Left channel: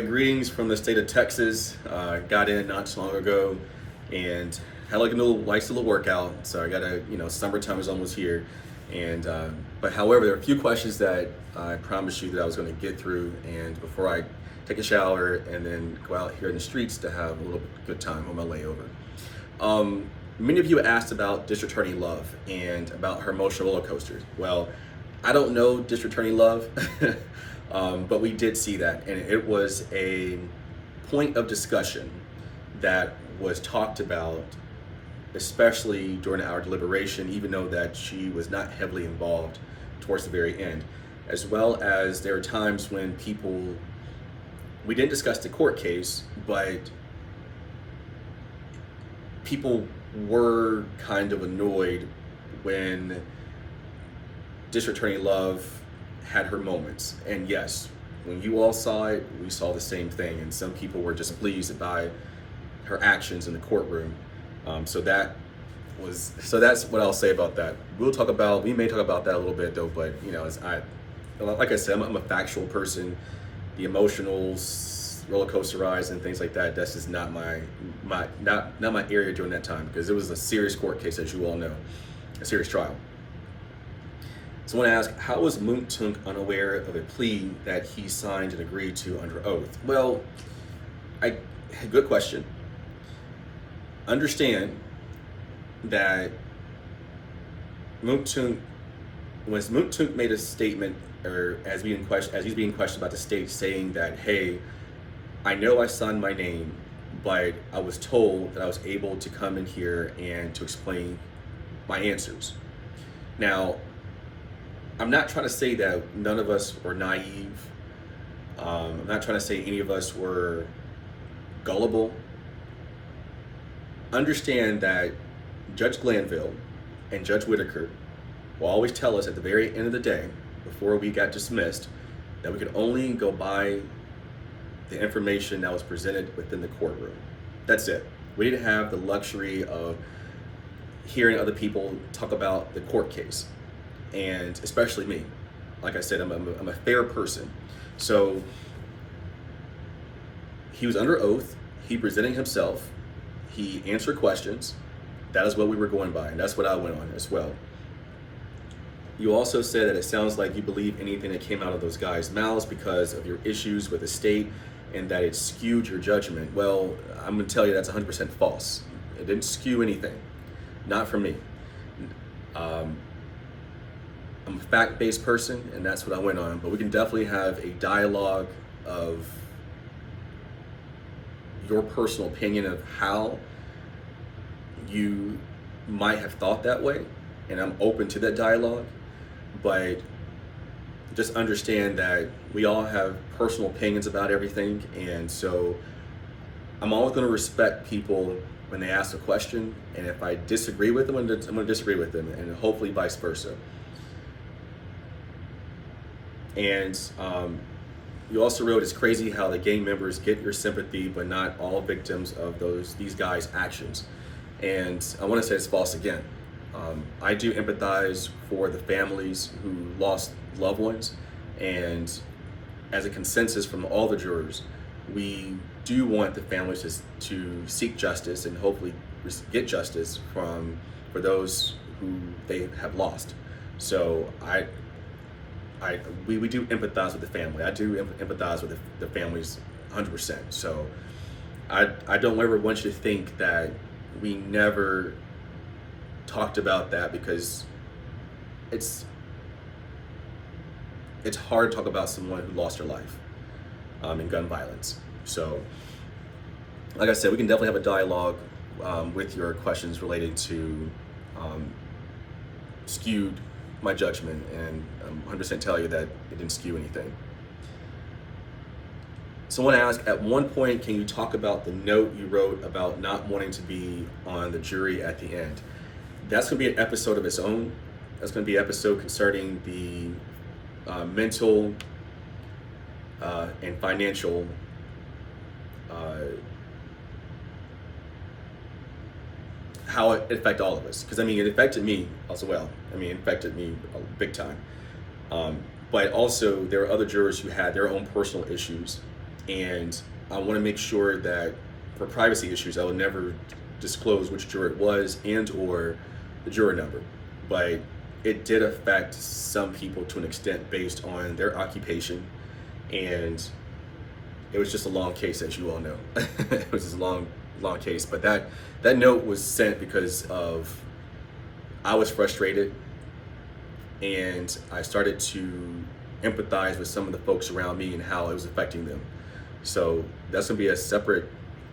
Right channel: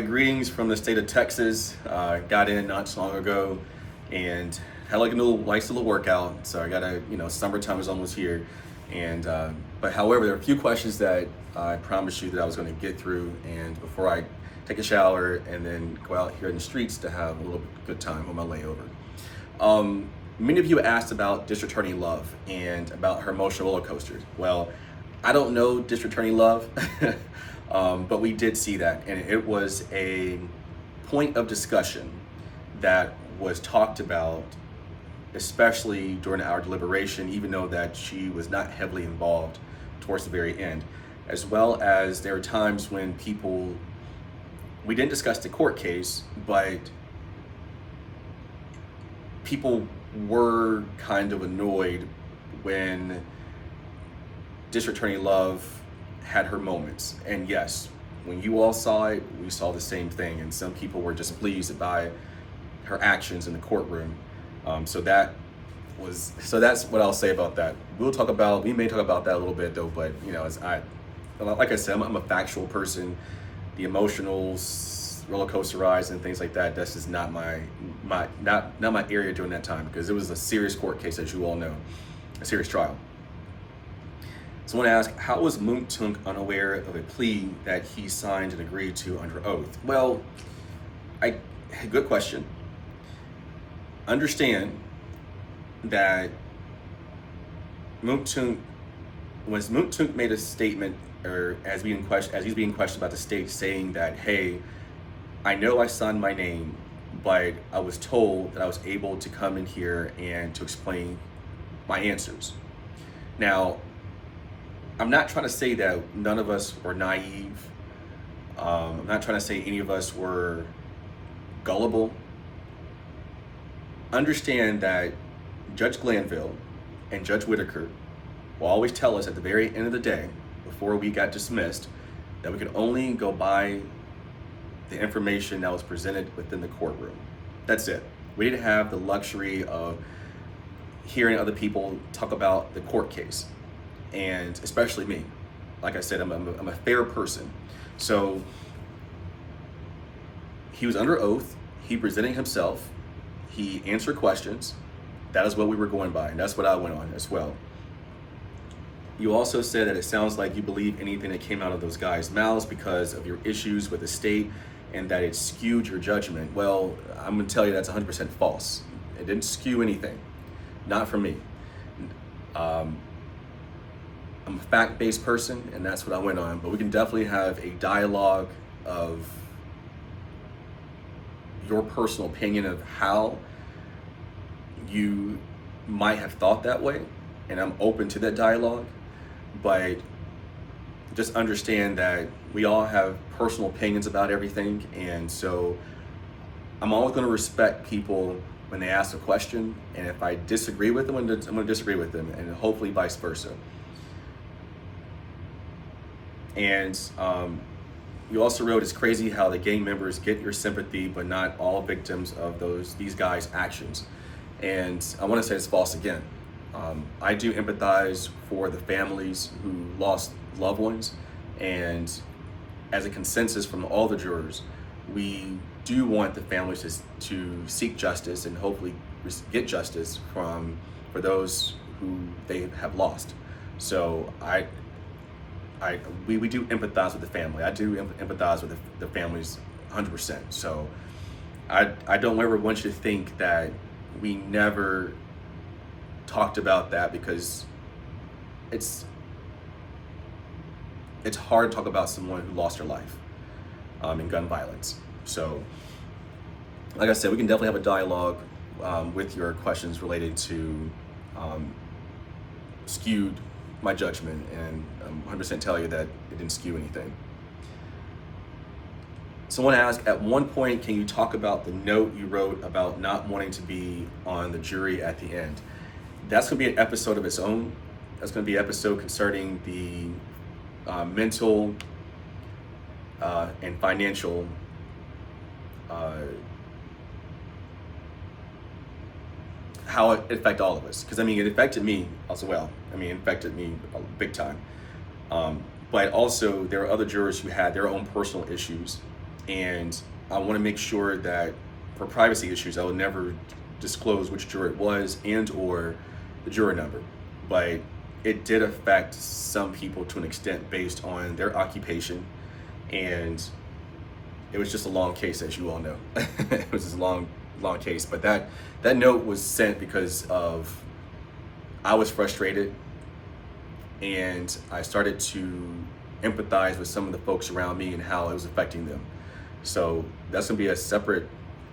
Greetings from the state of Texas. Got in not too long ago and had like a nice little workout. So I got summertime is almost here. But however, there are a few questions that I promised you that I was going to get through. And before I take a shower and then go out here in the streets to have a little good time on my layover. Many of you asked about District Attorney Love and about her emotional roller coaster. Well, I don't know District Attorney Love. But we did see that, and it was a point of discussion that was talked about, especially during our deliberation, even though that she was not heavily involved towards the very end, as well as there are times when we didn't discuss the court case, but people were kind of annoyed when District Attorney Love had her moments. And yes, when you all saw it, we saw the same thing. And some people were displeased by her actions in the courtroom. So that's what I'll say about that. We may talk about that a little bit though, but like I said, I'm a factual person. The emotional roller coaster rides and things like that, that's just not my area during that time, because it was a serious court case, as you all know, a serious trial. Someone asked, how was Moontunk unaware of a plea that he signed and agreed to under oath? Well, good question. Understand that when Moontunk made a statement, or as he's being questioned about the state, saying that, hey, I know I signed my name, but I was told that I was able to come in here and to explain my answers. Now, I'm not trying to say that none of us were naive. I'm not trying to say any of us were gullible. Understand that Judge Glanville and Judge Whitaker will always tell us at the very end of the day, before we got dismissed, that we could only go by the information that was presented within the courtroom. That's it. We didn't have the luxury of hearing other people talk about the court case. And especially me, like I said, I'm a fair person. So he was under oath, he presented himself, he answered questions. That is what we were going by, and that's what I went on as well. You also said that it sounds like you believe anything that came out of those guys' mouths because of your issues with the state and that it skewed your judgment. Well, I'm gonna tell you that's 100% false. It didn't skew anything, not for me. I'm a fact-based person, and that's what I went on. But we can definitely have a dialogue of your personal opinion of how you might have thought that way, and I'm open to that dialogue. But just understand that we all have personal opinions about everything, and so I'm always going to respect people when they ask a question, and if I disagree with them, I'm going to disagree with them, and hopefully vice versa. And you also wrote, it's crazy how the gang members get your sympathy, but not all victims of these guys' actions. And I want to say it's false again. I do empathize for the families who lost loved ones, and as a consensus from all the jurors, we do want the families to seek justice and hopefully get justice for those who they have lost. So we do empathize with the family. I do empathize with the families 100%. So I don't ever want you to think that we never talked about that, because it's hard to talk about someone who lost their life in gun violence. So like I said, we can definitely have a dialogue with your questions related to skewed my judgment, and I'm 100% tell you that it didn't skew anything. Someone asked, at one point, can you talk about the note you wrote about not wanting to be on the jury at the end? That's gonna be an episode of its own. That's gonna be an episode concerning the mental and financial how it affected all of us. Because I mean, it affected me as well. I mean, it affected me big time. But also, there are other jurors who had their own personal issues, And I want to make sure that for privacy issues, I will never disclose which juror it was and or the juror number. But it did affect some people to an extent based on their occupation. And it was just a long case, as you all know. It was just a long case. But that note was sent because of I was frustrated, and I started to empathize with some of the folks around me and how it was affecting them. So that's gonna be a separate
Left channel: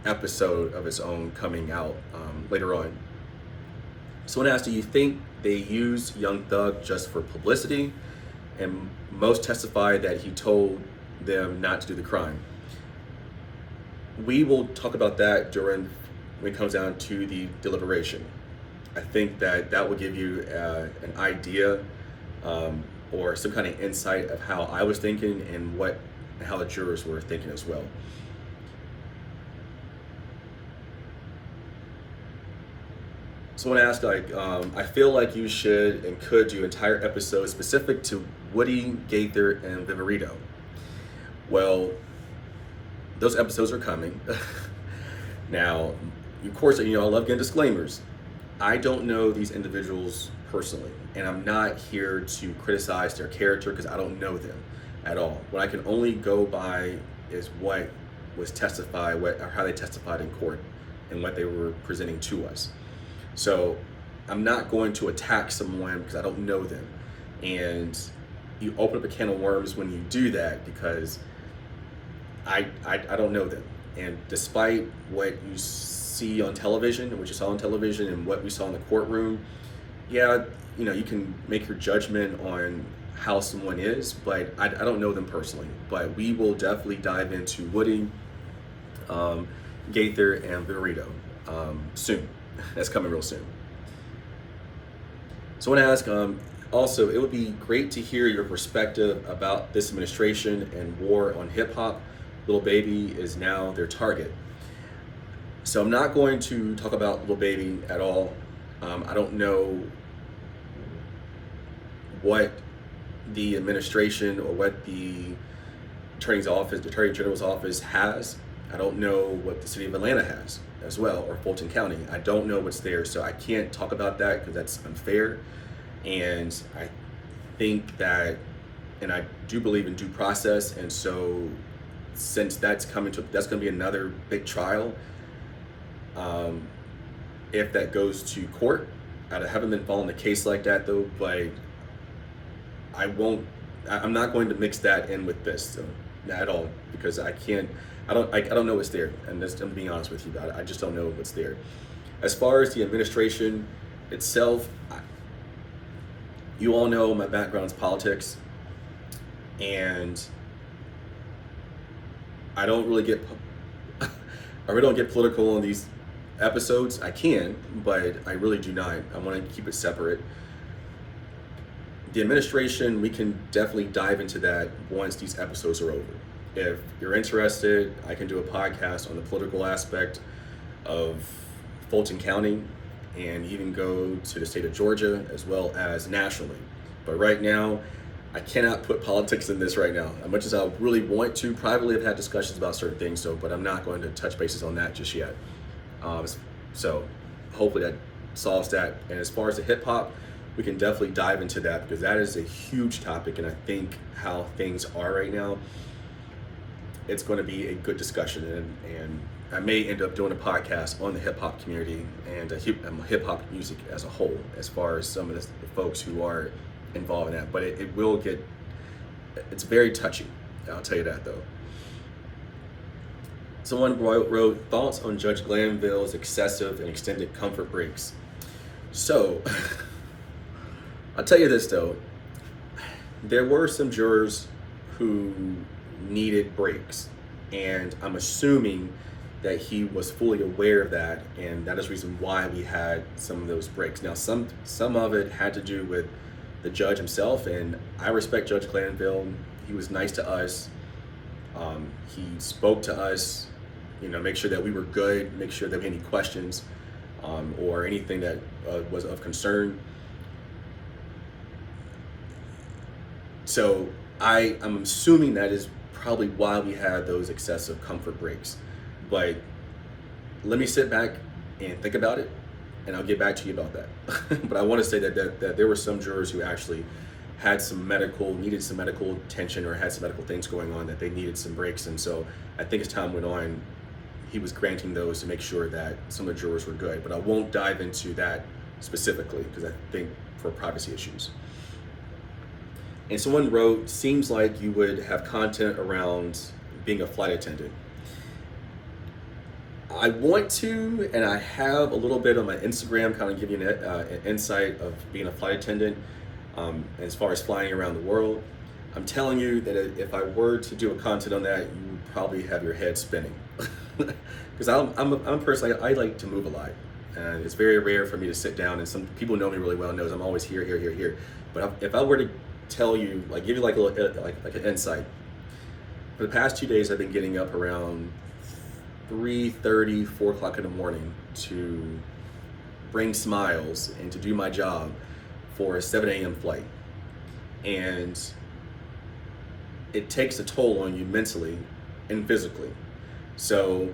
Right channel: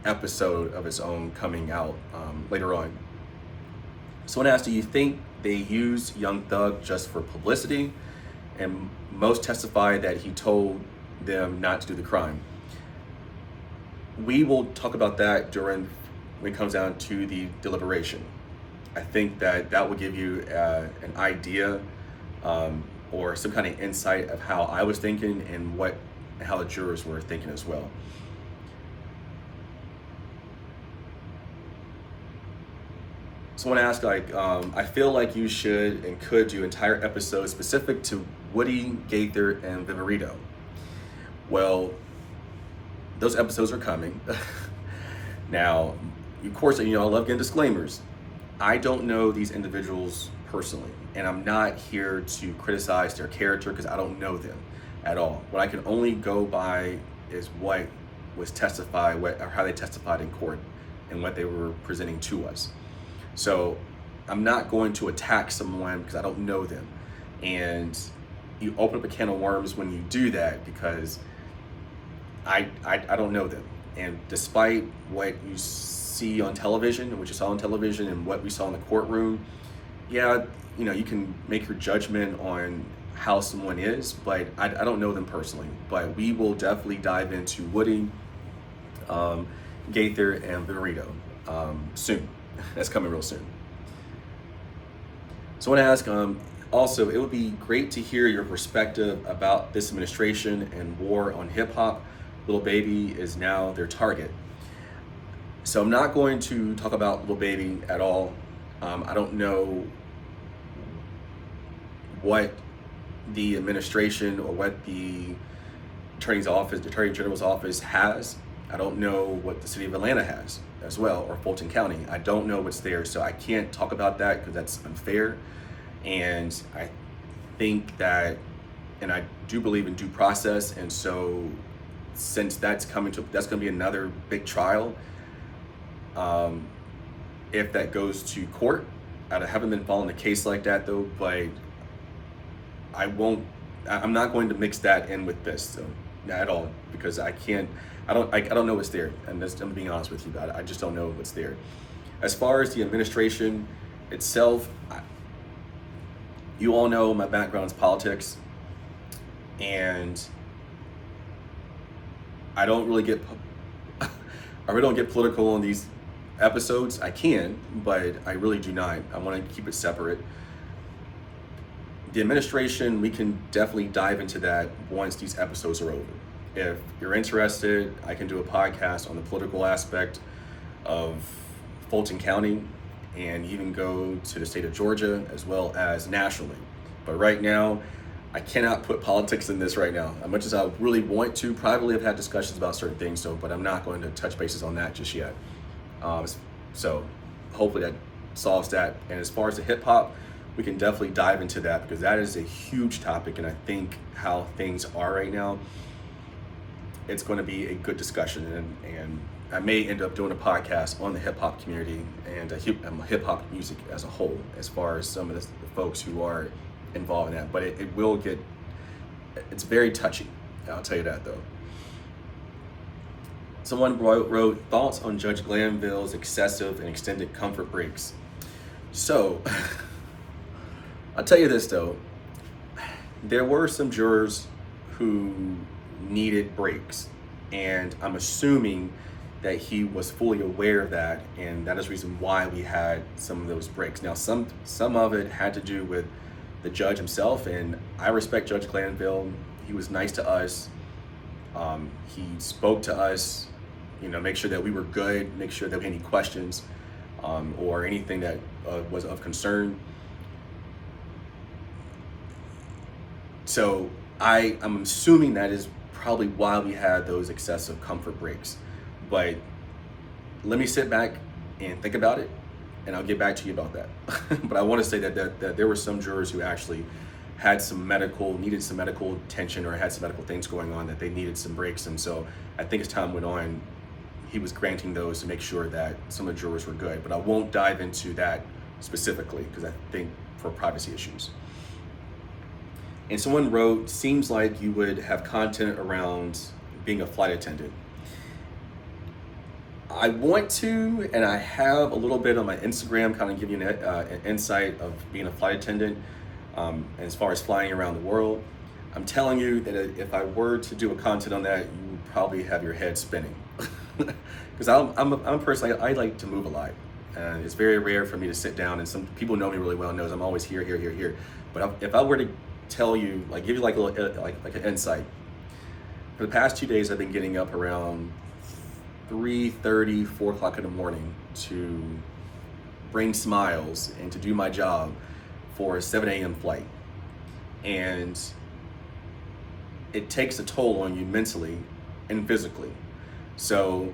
episode of its own coming out later on. Someone asked, do you think they used Young Thug just for publicity? And most testified that he told them not to do the crime. We will talk about that when it comes down to the deliberation. I think that will give you an idea or some kind of insight of how I was thinking and how the jurors were thinking as well. Someone asked, I feel like you should and could do entire episodes specific to Woody, Gaither, and Viverito. Well, those episodes are coming. Now, of course, I love getting disclaimers. I don't know these individuals personally, and I'm not here to criticize their character because I don't know them at all. What I can only go by is what was testified, or how they testified in court and what they were presenting to us. So I'm not going to attack someone because I don't know them. And you open up a can of worms when you do that because I don't know them. And despite what you see on television, what you saw on television and what we saw in the courtroom, yeah, you can make your judgment on how someone is, but I don't know them personally. But we will definitely dive into Woody, Gaither, and Viverito soon. That's coming real soon. So I want to ask, also, it would be great to hear your perspective about this administration and war on hip hop. Lil Baby is now their target. So I'm not going to talk about Lil Baby at all. I don't know what the administration or what the Attorney General's office has. I don't know what the city of Atlanta has as well, or Fulton County. I don't know what's there, so I can't talk about that because that's unfair. And I think that, and I do believe in due process, and so since that's going to be another big trial. If that goes to court, I haven't been following a case like that though, but I'm not going to mix that in with this at all, because I don't know what's there, and I'm being honest with you, I just don't know what's there. As far as the administration itself, you all know my background is politics, and I really don't get political on these episodes. I can, but I really do not. I want to keep it separate. The administration, we can definitely dive into that once these episodes are over. If you're interested, I can do a podcast on the political aspect of Fulton County and even go to the state of Georgia as well as nationally. But right now, I cannot put politics in this right now. As much as I really want to, privately have had discussions about certain things, but I'm not going to touch bases on that just yet. So hopefully that solves that. And as far as the hip hop, we can definitely dive into that because that is a huge topic. And I think how things are right now, it's going to be a good discussion. And I may end up doing a podcast on the hip hop community and hip hop music as a whole, as far as some of the folks who are involved in that. But it's very touchy. I'll tell you that though. Someone wrote thoughts on Judge Glanville's excessive and extended comfort breaks. So, I'll tell you this though, there were some jurors who needed breaks, and I'm assuming that he was fully aware of that, and that is the reason why we had some of those breaks. Now, some of it had to do with the judge himself, and I respect Judge Glanville. He was nice to us. He spoke to us, make sure that we were good, make sure that we had any questions or anything that was of concern. So I'm assuming that is probably why we had those excessive comfort breaks. But let me sit back and think about it, and I'll get back to you about that. But I want to say that there were some jurors who actually needed some medical attention, or had some medical things going on that they needed some breaks. And so I think as time went on, he was granting those to make sure that some of the jurors were good. But I won't dive into that specifically because I think for privacy issues. And someone wrote, seems like you would have content around being a flight attendant. I want to, and I have a little bit on my Instagram, kind of giving an insight of being a flight attendant. As far as flying around the world, I'm telling you that if I were to do a content on that, you would probably have your head spinning. Because I'm a person, I like to move a lot. And it's very rare for me to sit down, and some people know me really well, knows I'm always here. But if I were to tell you, like give you like an insight, for the past 2 days, I've been getting up around 3:30, 4 o'clock in the morning to bring smiles and to do my job for a 7 a.m. flight. And it takes a toll on you mentally and physically. So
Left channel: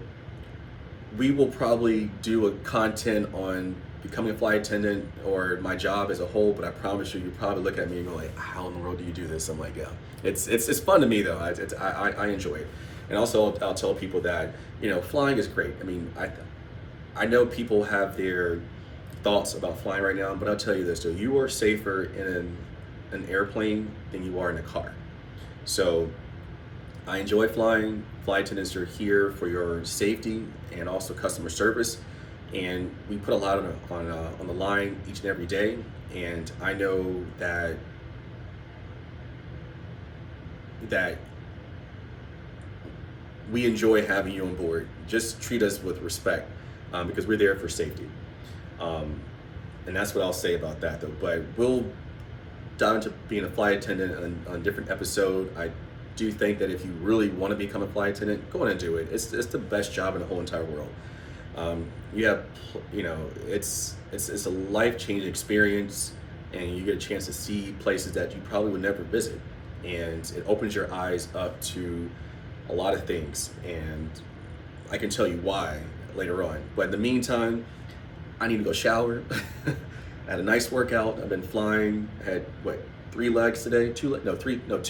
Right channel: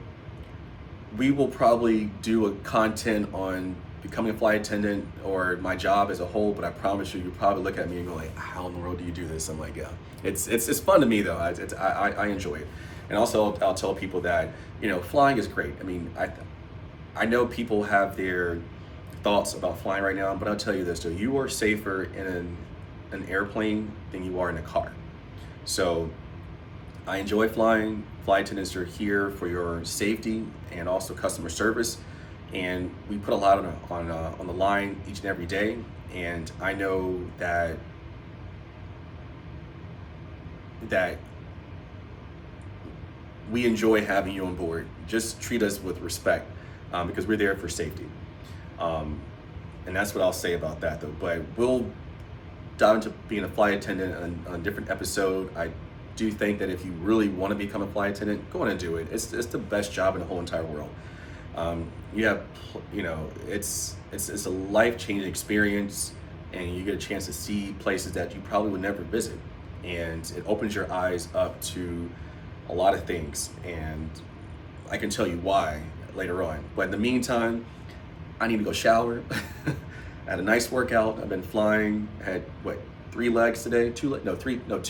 we will probably do a content on becoming a flight attendant or my job as a whole, but I promise you probably look at me and go like, how in the world do you do this? I'm like, yeah, it's fun to me though. I enjoy it. And also I'll tell people that, flying is great. I mean, I know people have their thoughts about flying right now, but I'll tell you this though, you are safer in an airplane than you are in a car. So I enjoy flying. Flight attendants are here for your safety and also customer service. And we put a lot on the line each and every day. And I know that we enjoy having you on board. Just treat us with respect because we're there for safety. And that's what I'll say about that though. But we'll dive into being a flight attendant on a different episode. I do think that if you really want to become a flight attendant, go on and do it. It's the best job in the whole entire world. It's a life-changing experience, and you get a chance to see places that you probably would never visit. And it opens your eyes up to a lot of things. And I can tell you why later on. But in the meantime, I need to go shower. I had a nice workout. I've been flying. I had 3 legs today? 2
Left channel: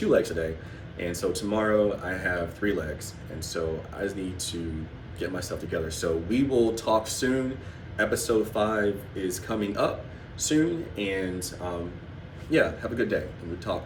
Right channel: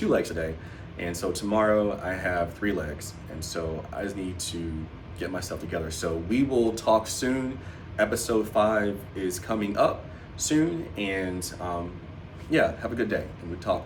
legs today. And so tomorrow I have 3 legs. And so I just need to get myself together. So we will talk soon. Episode 5 is coming up soon. And have a good day. And we talk.